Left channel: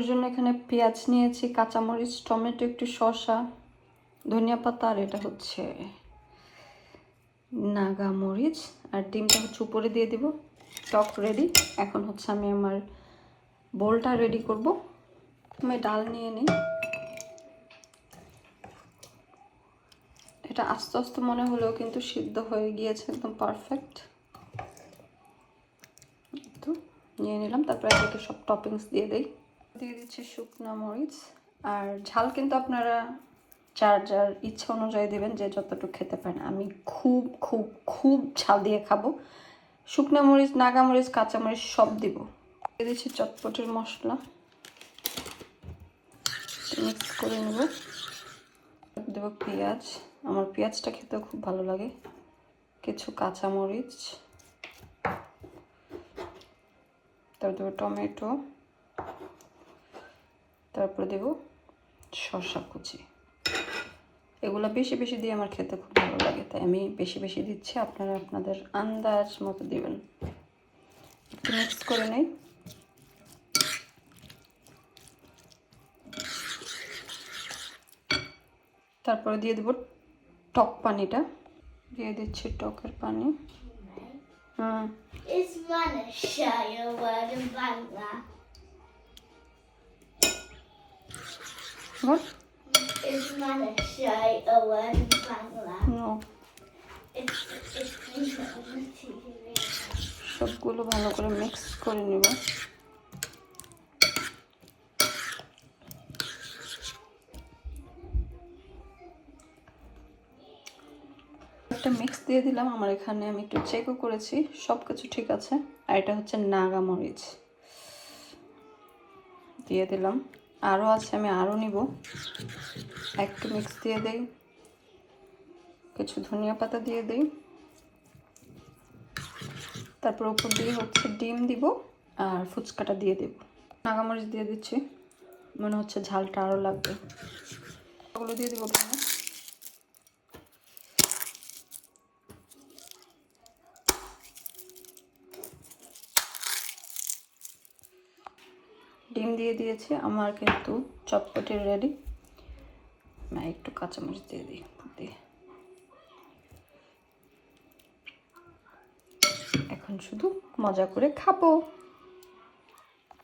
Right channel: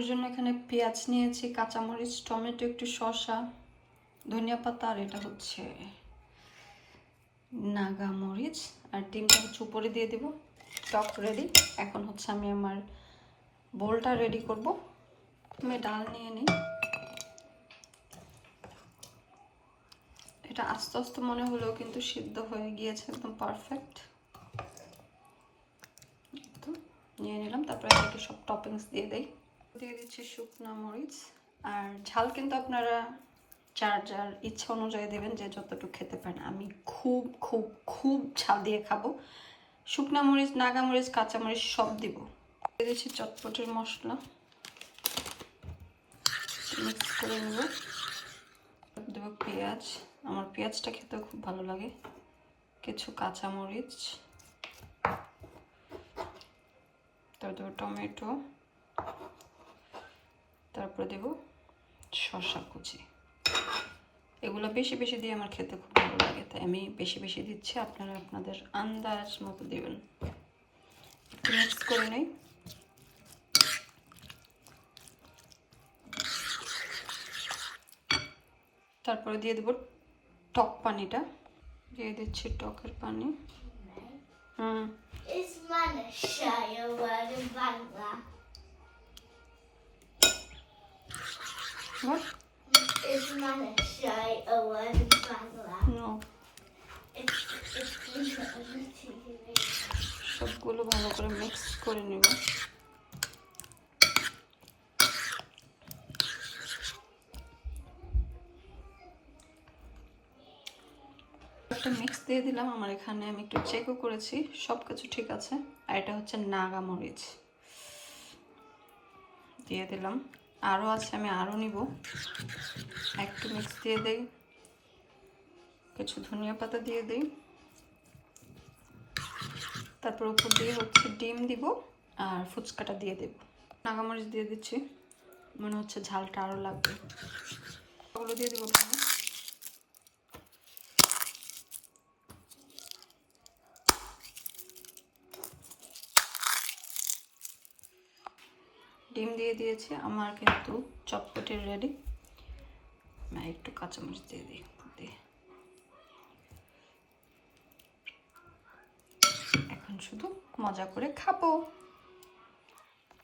এর জন্য এখানে পেঁয়াজ নিয়েছি, কাঁচামরিচ, টমেটো, একটু শসা, ধনিয়া পাতা, আর এটা হচ্ছে নাগা মরিচ, আর ডিমটা হচ্ছে উপরে দিয়ে দিব। টক রেডি। এখন হচ্ছে আমি আমার বোলটা রেডি করব। আমি ডাল নিয়ে নিই। এটা আস্তে আস্তে মনে হলেও কিন্তু সিদ্ধ হয়ে গিয়েছে, একদম পারফেক্ট। তো নিয়ে নিলাম। তারপর এদিকে সব টপিংস দিয়ে দিই। দিয়ে দিচ্ছি শুকনো মরিচ। আর ঝাল কিন্তু আপনারা যার যার ইচ্ছা অনুযায়ী দেবেন, যে যতটুকু খেতে পারেন। আমি খুব খুব খুব ঝাল দিয়ে খাবো। শুকনো মরিচ, নাগা মরিচ, কাঁচামরিচ সব দিব। দিয়ে দিচ্ছি চটপটির মশলা, মিক্স করে নেব। দেবো পেঁয়াজ, আমার পেঁয়াজটা খেতেও খুব ভালো লাগে। কিছু কাঁচামরিচ, তারপর দেবো টমেটো, তারপরে দেব শসা কুচি। এগুলো বেশি বেশি দিয়ে আমার খেতে খুব ভালো লাগে, তাই আমি বেশি বেশি দিচ্ছি। আপনারা আপনাদের আন্দাজ মতো দেবেন। একটু মিক্স করে নেই। তারপরে দিয়ে দেব টক পানিটা। দিয়ে দিচ্ছি টকের পানি। What? Is not a shy a word in Bangla. No. সবগুলো ভালো করে মিক্স করে নিব। একটা মিক্স দিয়ে দিলাম। আমার এখানে আমি একটু চেকও করেছি, সব কিছু ঠিক আছে। আর এটা হচ্ছে নাগা মরিচ দিয়ে দিলাম। আরও আছে, আমি আরও নিব। একটু মিক্স দিয়ে দিই। কিছু ধনিয়া পাতা দিয়ে দিই। তারপর উপর দিয়ে হচ্ছে ডিম দিব আর ফুচকাটা দিয়ে দেব। নাগামরিচ দিয়ে দিচ্ছি, মনে হচ্ছে ঝালটা আরও লাগবে। ওগুলো দিয়ে দেবো। ডিম দিয়ে দিয়েছি। আমার কিন্তু চটপটি রেডি। একটু কাঁচামরিচ দিয়ে দিই। এখন শুধু মজা করে খাবো।